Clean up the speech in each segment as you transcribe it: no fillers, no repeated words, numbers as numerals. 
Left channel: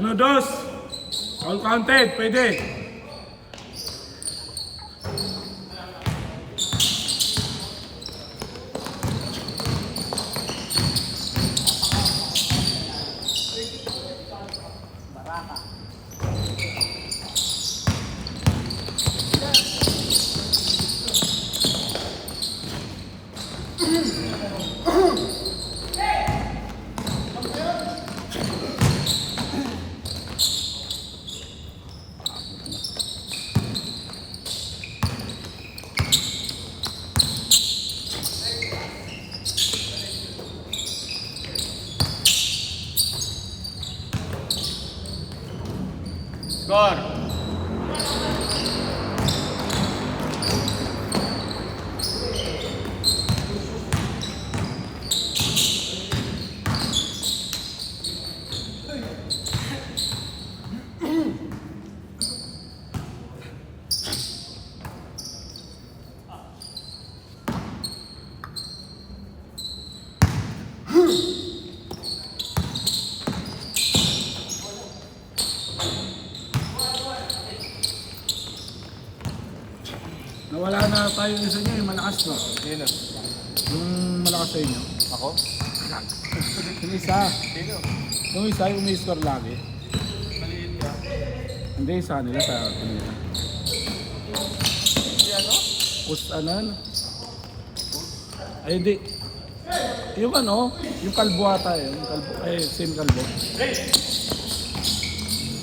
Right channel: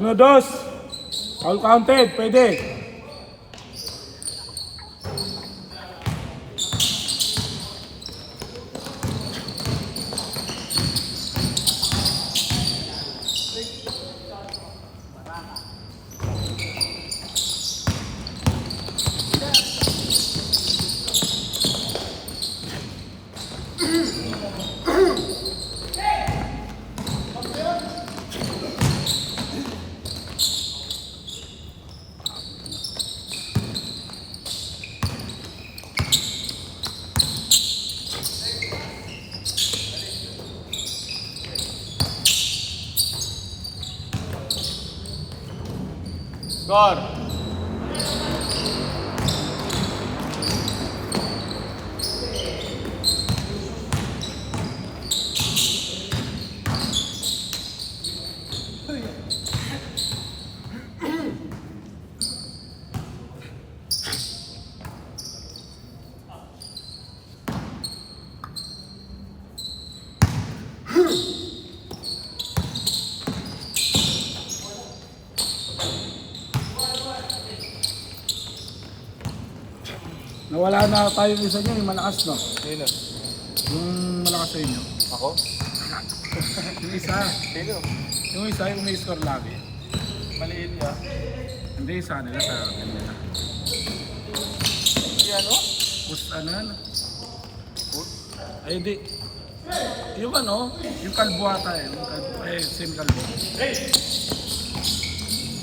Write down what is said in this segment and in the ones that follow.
1-2. All counted, pwede. Score! Nawala na tayo isa nyo, yung malakas no? Sino? Yung malakas sa inyo. Ako? Yung isa. Sino? Yung isa, yung may score lagi. Maliit yan. Hindi, sa nila, sa kanila. Push anan? Ay, hindi. Yung ano, yung kalbo ata eh. Yung kalbo, ay, same kalbo.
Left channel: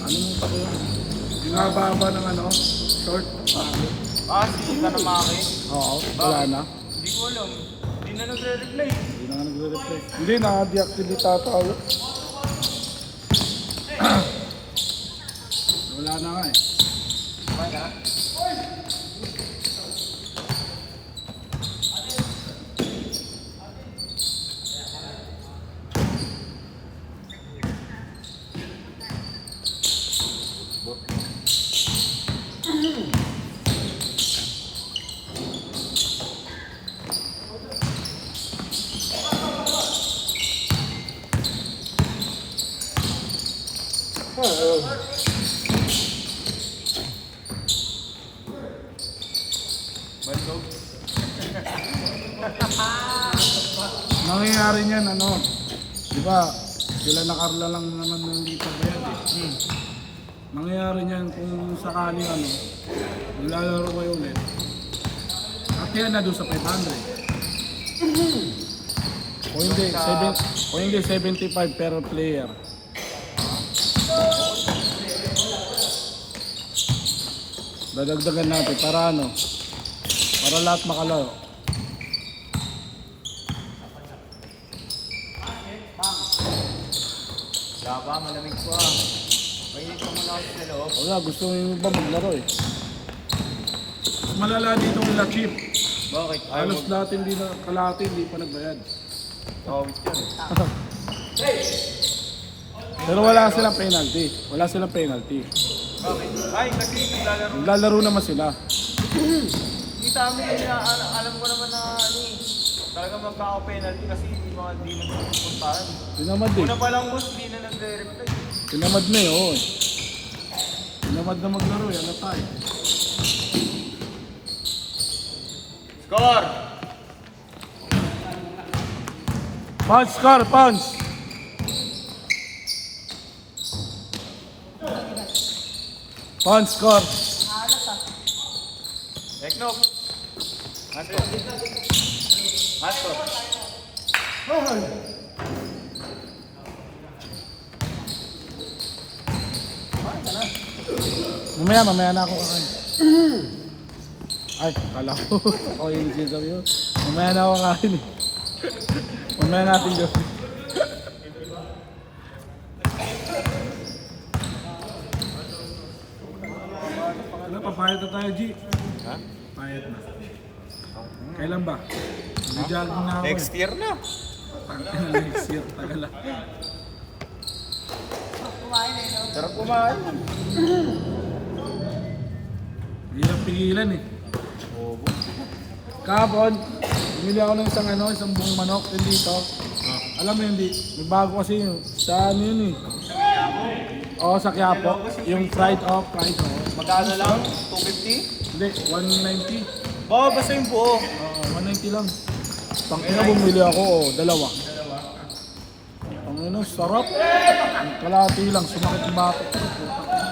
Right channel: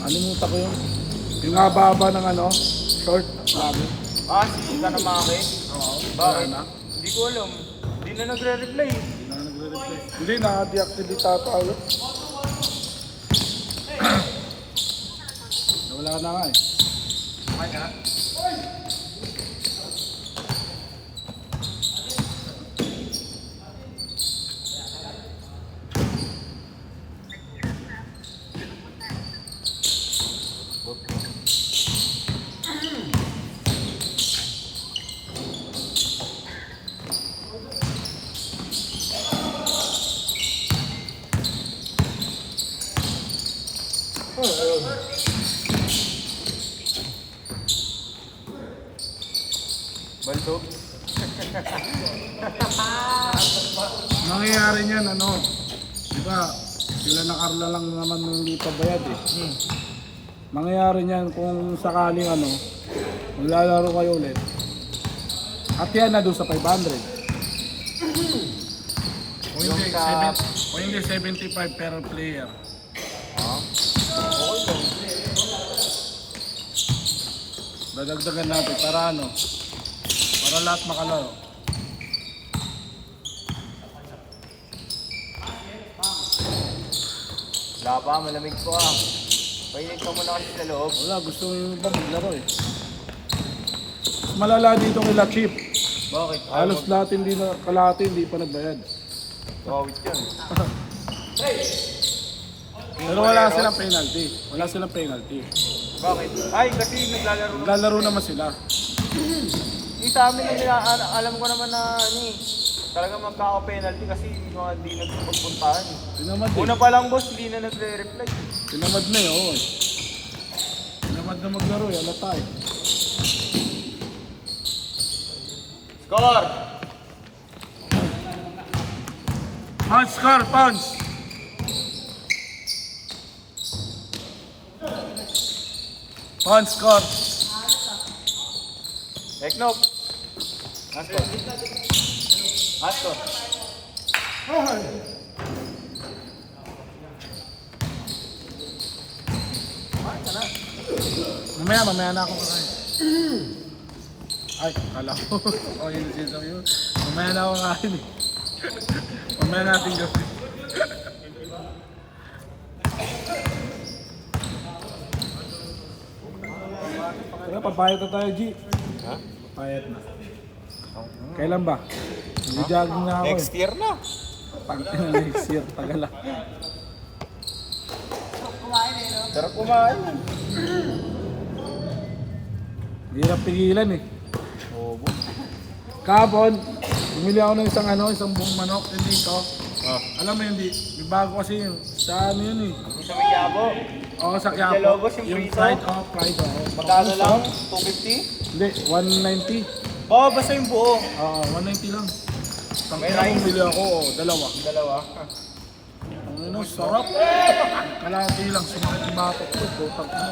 Ano mo pa ko yun? Yung haba-haba ng ano, short, lagi. Si Tanamaki? Oo, wala na. Hindi ko alam. Hindi na nagre-replay. Hindi na nagre-replay. Hindi, naka-deactivate ata ulit. Wala na nga eh. Okay na? Bantu? Nangyayari niyan, ano, di ba, sila na Carla lang naman hindi pa bayad eh. Mangyayari niyan kung sakaling ano, maglalaro kayo ulit. At yan na doon sa 500. O hindi 75 per player. Dadagdagan natin para ano, para lahat makalaro. Laba, malamig po. Mainit ka muna kasi sa loob. Wala, gusto mo yung ba maglaro eh. Mas malala dito kung chip. Bakit? Halos lahat hindi na, kalahati hindi pa nagbayad. Gawit yun. Pero wala silang penalty. Wala silang penalty. Bakit? Ay, kasi naglalaro. Naglalaro naman sila. Hindi sa amin, alam ko naman na ano eh. Talagang magkaka-penalty kasi hindi naman kung paano. Tinamad eh. Una pa lang boss, hindi na nagre-reply. Tinamad na eh, oo. Tinamad na maglaro eh, alata eh. Score! Punch, Scar, punch! Punch, Scar. Next note. Master. Master. Mamaya na ako kakain. Ay, akala ko. Ako yung sinasabi yun. Mamaya na ako kakain eh. Mamaya natin gawin. Tara, papayat na tayo, G. Papayat na. Kailan ba? Nag-jogging na ako Next eh. year na. Next year, tagal lang. Sarap kumain. Hirap pigilan eh. Kahapon, bumili ako ng isang buong manok din dito. Alam mo hindi, may bago kasi yun. Sa ano yun eh. Sa Quiapo. Oo, sa Quiapo. Ilocos, yung Yung prito. fried off, fried off. Magkano lang? 250? Hindi, 190. Oo, basta yung buo. 190 lang. Tangina kong bili ako, dalawa. Dalawa. Ano, sarap. Kalahati lang, sumakit yung batok ko. Putang ina.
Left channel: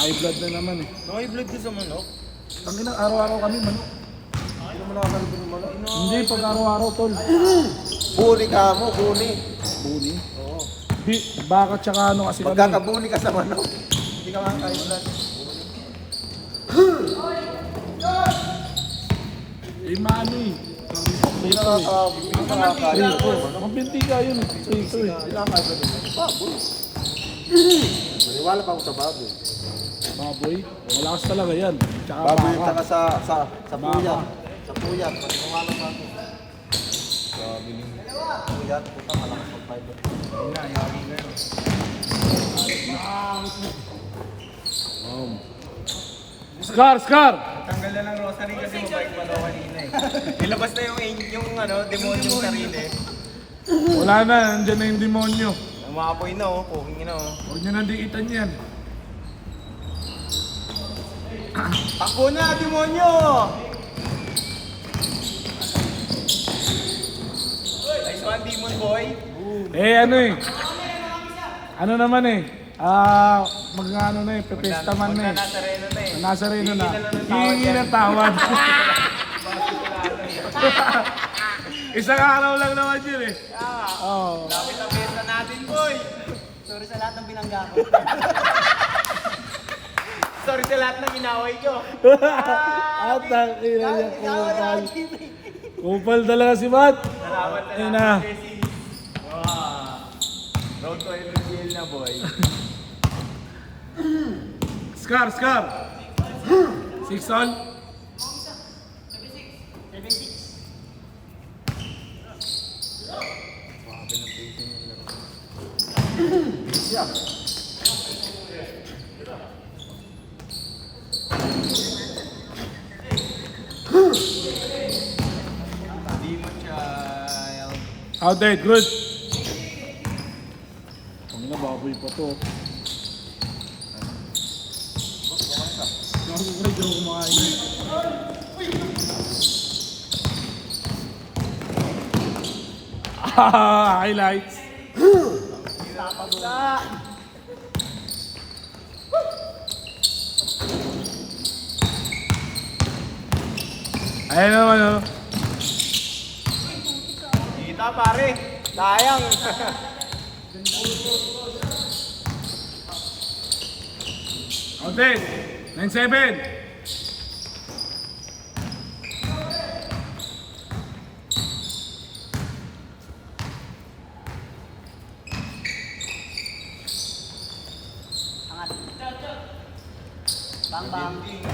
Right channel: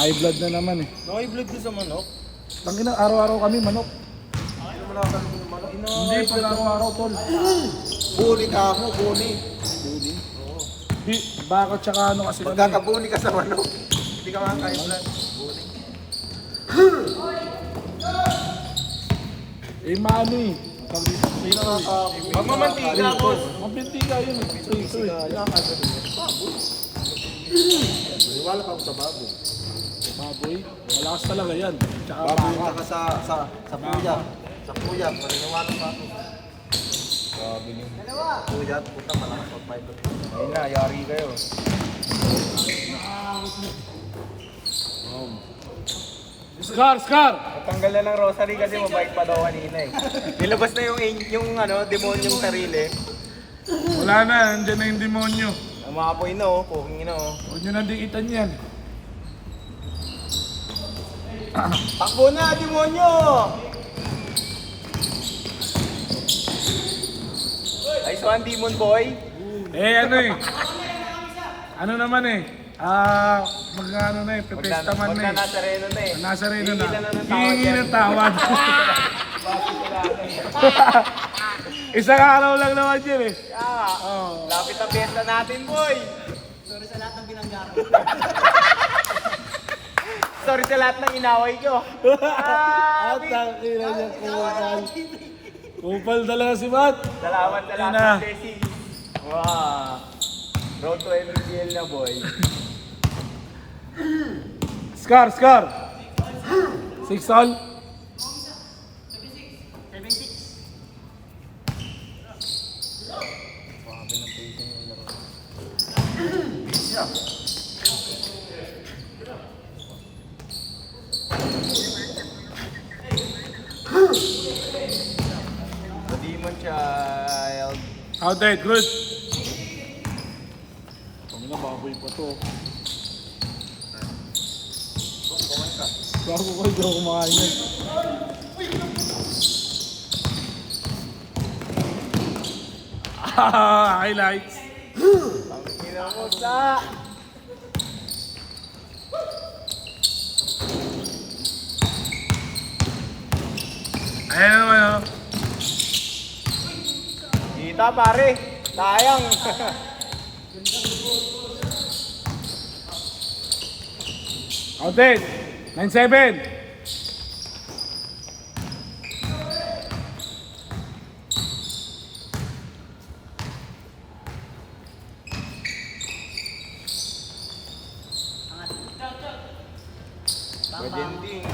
High blood na naman eh. Naka-vlog ko sa manok. Tangina, araw-araw kami manok. Hindi, pag araw-araw tol. Buni ka mo, buni. Buli. Di, baka tsaka ano kasi kami. Magkakabuni ka sa manok. Hindi ka makakailan. Eh, maano eh. Magmamantika ako. Magbintiga yun. Wala pa ako sa baboy. Baboy, malakas talaga yan. Tsaka Baboy yung baka. taka sa puya. Baka. Sa puya. Pagkuha naman. Puya. Ayun na, yari kayo. Scar! Tanggal na ng rosary kasi mabait pa daw kanina eh. Nilabas na yung ano, demonyong sarili. Wala na, andyan na yung demonyo. Umapoy na oh, kung ino oh. Huwag nyo na dikitan yan. Takbo na, demonyo! Nice one, demon boy. Eh ano eh. Ano naman eh. Mag-ano na eh, pepestaman na eh. Nazareno na eh. Nazareno na. Hihingi ng tawad. Isang araw lang naman yun eh. Oh. Lapit ang benta natin, boy! Sorry sa lahat ng binangga ko. Sorry sa lahat ng inaway ko. Kupal talaga si Matt. Salamat sa lahat Ina. ng blessings. Wow. Road to LGL na, boy. Scar! 6 all. Demon child. How dead? Good. Ano, baboy pa to. Bago ko ikaw kumakain yun. Highlights. Ayan naman oh. Kita, pare. Sayang. How dead? 9-7. Angat. Bang bang. Ending.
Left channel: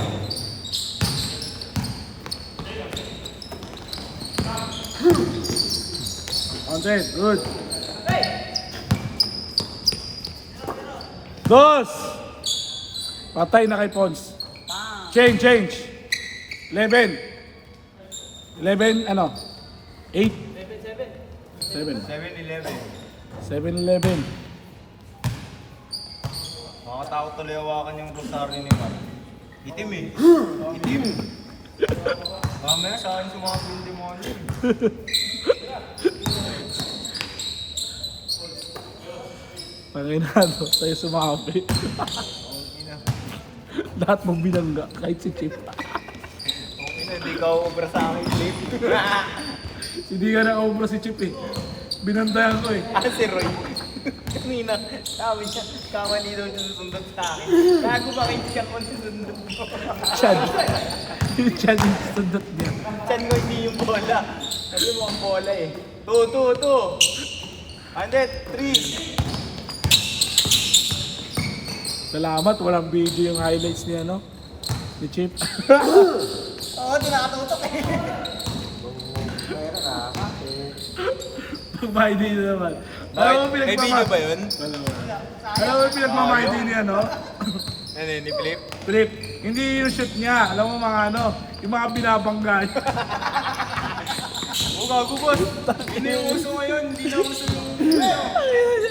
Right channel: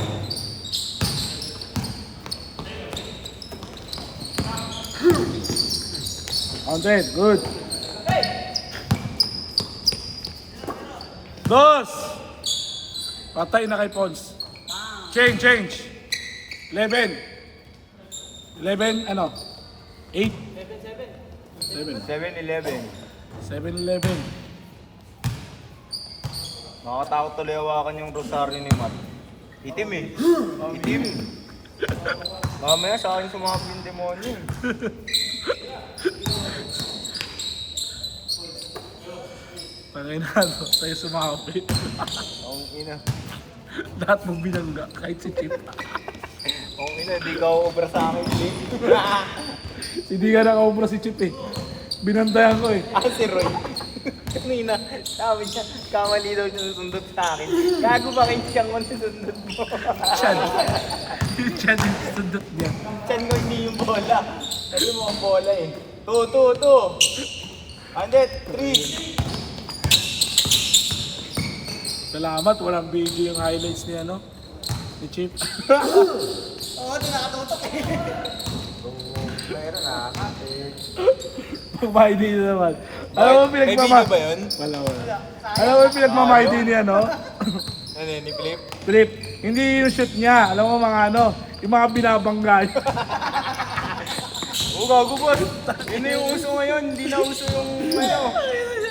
How dead? Good. Dos! Patay na kay Pons. Bang. Change. 11. 11, ano? 8. 7. 7-11. 7-11. Nakatakot tuloy hawakan yung rosaryo ni Mark. Itim eh. Itim. Mamaya sa akin sumama yung demonyo. Tagay na ano, tayo sumapit. Okay na. Lahat mong binangga, kahit si Chip. Okay na, di ka obra sa akin, Blake. Hindi ka nakaubra si Chip eh. Binandayan ko eh. Si Roy. Kanina, sabi niya, kamali daw siya susundot sa akin. Gago ba kayo siyang masusundot mo? Chad. Chad yung sundot niya. Chan ko hindi yung bola. Kasi mo ang bola eh. 2. 100, 3. Salamat, walang video yung highlights ni ano. Ni Chip. Oo, di nakatutok eh. Pag-ID na naman. Alam mo May video ba yun? Wala. Alam mo pinagmamahidi niya, no? Ano yun, ni Flip? Trip. Hindi yung shoot niya. Alam mo mga ano, yung mga binabangga niya. Ang gago ba? Yun na yung uso ngayon, hindi na uso yung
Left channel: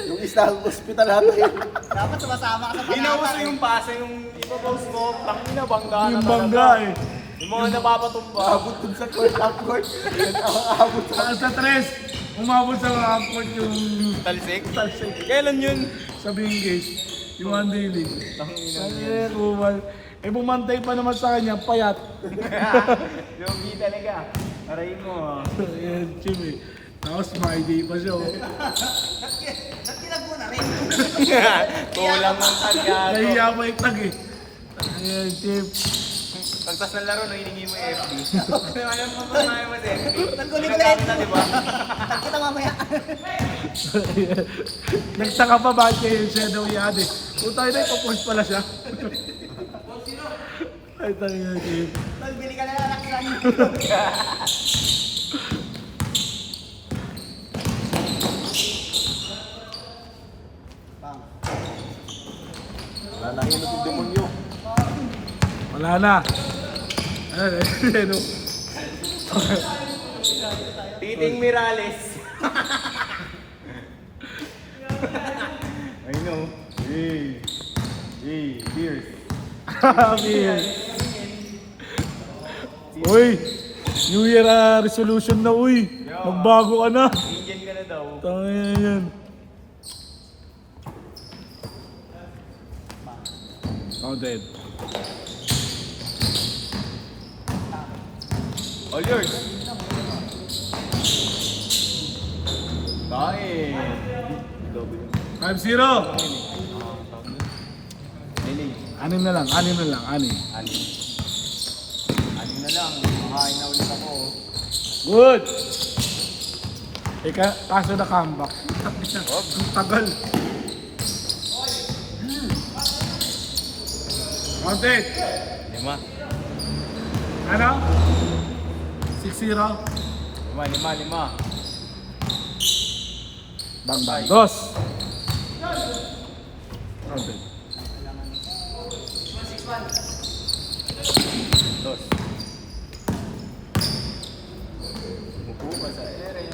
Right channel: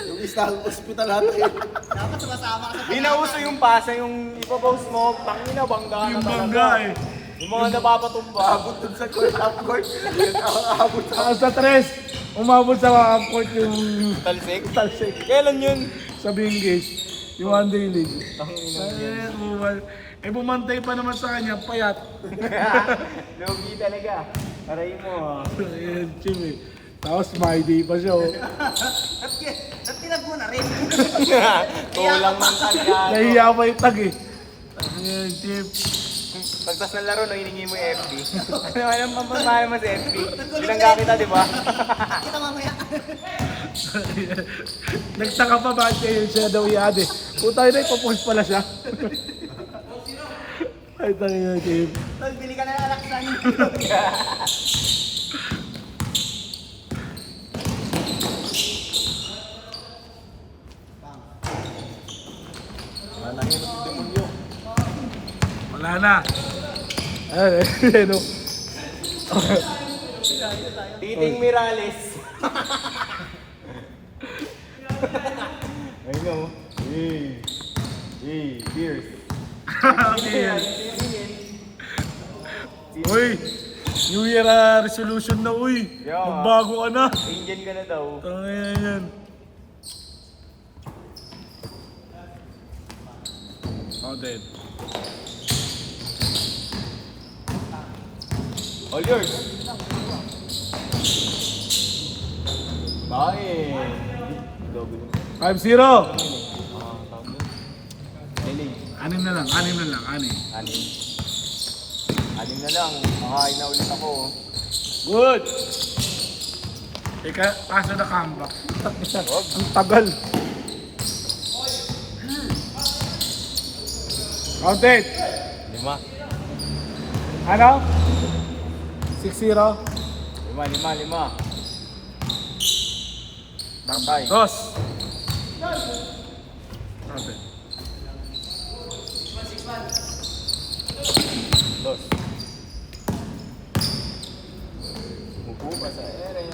Yung isa hospital natin. Dapat sumasama ka sa Hindi na uso yung pasa, yung ipapost mo, takin na bangga. Yung bangga eh. Yung mga napapatumba. Abot dun sa court. Abot. Sa tres, umabot sa mga court yung Talsik? Kailan yun? sa Bingage. Yung one day league. Eh, bumantay pa naman sa kanya, payat. Lugi talaga. Aray mo. Ayan, Chim eh. Tapos my day pa siya. Oh. Ba't kinag mo na rin? Kulang ng tagyado. Nahiya pa yung tag eh. Ayan, Chim. Pagpas ng laro, hiningi mo yung FB. Ano naman mamaya mo sa FB? Nagkulit na Ginagamit na, di ba? Kita mamaya. Nagtaka pa ba siya yung shadow i-add eh. Kung tayo na ipapost pala siya. Ay, tayo na, Chim. Tol, bili ka na ng laksan. Pang. Wala na yun yung demonyo. Wala na. Ay, ano. Titing Mirales. I know. Cheers. Amin. Uy, New Year resolution na uy. Yeah. Magbago ka na. Ingin ka na daw. Tangina yan. Oh, dead. All yours. Kain. Double. 5-0. Lili. Anim na lang. Anim na lang. Makakain na ulit ako. Good. Ika, kaso na comeback. Ang tagal. Counted. 5. Ano? 6-0. 5. Bambay. Dos. Dos. Mupo ka sa ere.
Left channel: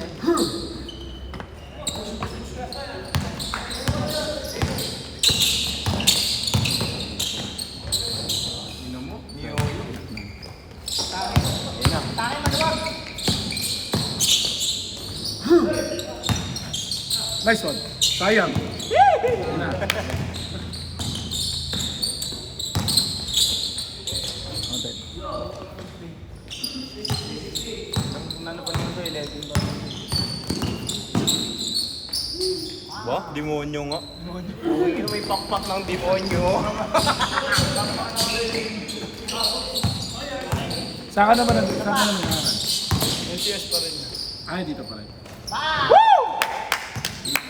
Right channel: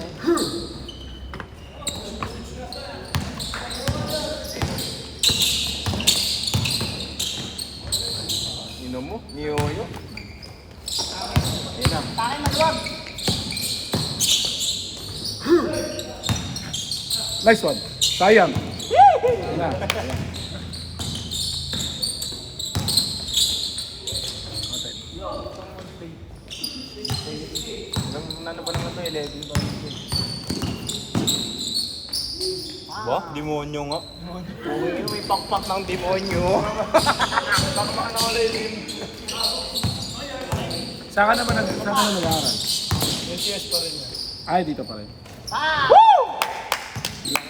Inom mo? Niyo mo? Nice one. Sayang. Na. Ba? Demonyo nga. Uy, may pakpak ng demonyo. Saan ka naman nag-aaral? NCS pa rin. Ay, dito pa rin.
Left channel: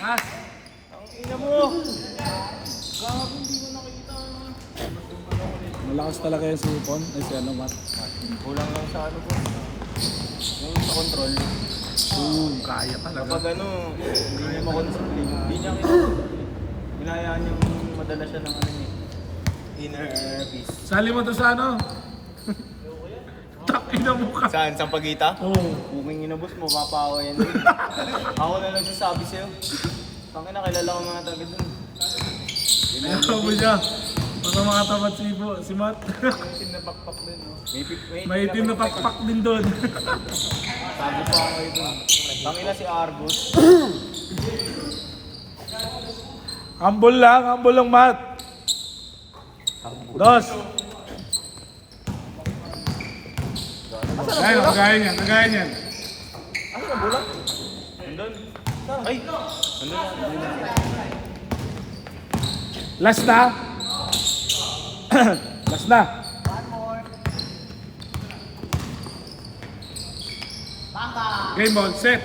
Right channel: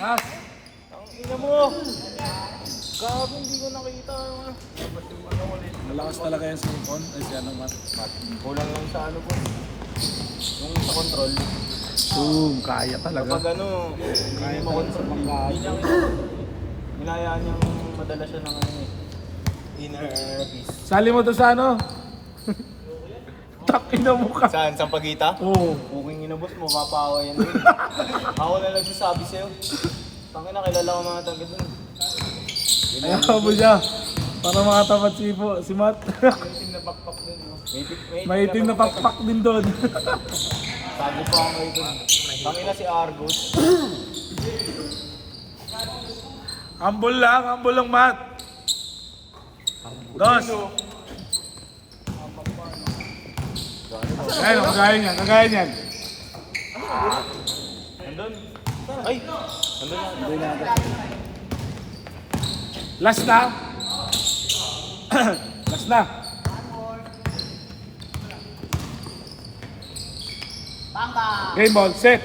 Lakas. Ang ina mo. Malakas talaga yan sa lupon. Ay, si ano nga. Kulang lang sa ano ko. Yung sa control. Boom, kaya talaga. Kapag ano, hindi niya makontrol. Hindi niya hinayaan niyang madala siya ng ano eh. Inner peace. Sali mo to sa ano? Takina mo ka. Saan? Sa pagita? Oo. Puking inabos mo, papawa yan. Ako na nagsasabi sa'yo. Tangina, kilala ko mga taga dun. Ayaw mo niya. Para makatapat si Matt. Itim na pakpak dun. May itim na pakpak din doon. Sabi pa ako ito. Tangina si Argus. Ambol lang Matt. Dos. Ayun, kagaya niyan. Ano ka bulat? Nandun. Ay! Nandun na. Last na. Last na. Game ball, set.